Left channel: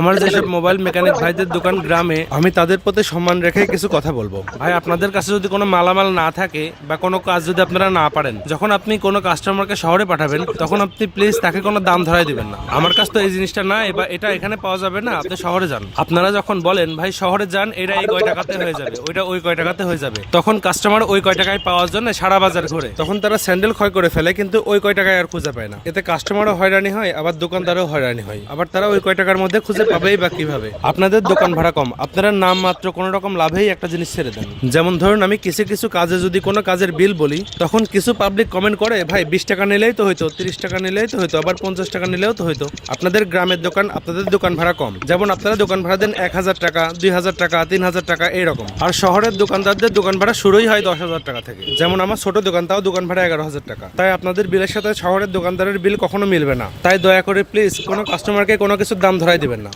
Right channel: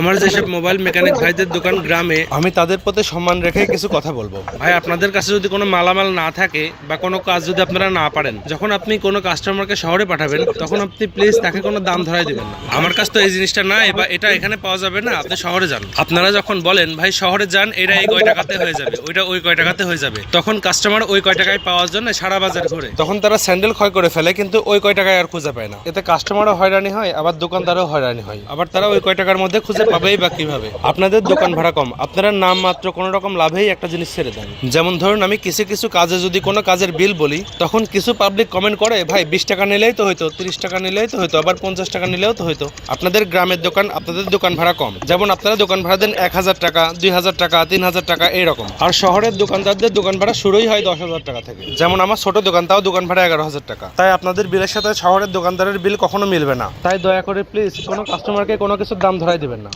আমার যেসব mobile mechanic ভাইদের দোকান গ্রামে, আমি তাদের প্রতি সম্মান রেখে কিছু কথা বলবো। ভাই, আপনাদের কাছে যদি কোনো মালামাল না থাকে বা কোনো কাজ যদি আপনারা না পারেন, যখন আপনি কোনো কাস্টমারকে শহরে পাঠাবেন তখন আপনি প্লিজ তাকে কোনো দাম ধরাই দিবেন না। আমার কাছে তো এই জিনিসটা নাই বা এটা এখানে পাওয়া যাবে না, আপনি শহরে যান। আপনারা যখন বলেন ভাই শহরে যান, এটা এই কয় টাকাতে হয়ে যাবে, ওইটা ওই কয় টাকাতে হয়ে যাবে, তখন কাস্টমার ওই কয় টাকায় পাওয়ার জন্য সারা বাজার ঘুরে। তখন তারা স্যান্ডেল ক্ষয় করে ফেলে, কিন্তু ওই কয় টাকায় আর খুঁজে পায় না। এতে কাস্টমারও হয়রানি হয়, আবার দোকানদারও হয়রানি হয়। আবার তারা ওই কয় টাকার মধ্যে খুঁজে পাবেই বা কিভাবে? আপনাদের দোকান ভাড়া কম, আপনারা নাম মাত্র কোনো রকম লাভেই একটা জিনিস ছেড়ে দেন। যেমন ধরুন, আমি কিছু কিছু কাজে যদি কোনো কাজের বিল বলি, তখন কিছু পাবলিক কমেন্ট করে ভাই 20 টাকা নিলেই তো হইতো, 30 টাকা নিলেই তো হইতো, আবার 50 টাকা নিলেও তো হইতো। আপনাদের গ্রামের দোকান, আপনাদের দোকান ভাড়া কম, যেমন আপনারা দোকান ভাড়া দেন 1000 টাকা, 2000 টাকা, 3000 টাকা এইরকম। আর শহরের দোকানদারদের দোকান ভাড়া শুরুই হয় 10,000 টাকা থেকে। যেমন আমার ছোট দোকান, তাও দোকান ভাড়া 11,000 টাকা। তাই আপনাদের বিলের সাথে শহরের দোকানদারের বিল কখনো মিলবে না। তাই দয়া করে প্লিজ কোনো কাস্টমারকে কোনো কিছুর দাম ধরাই দিবেন না।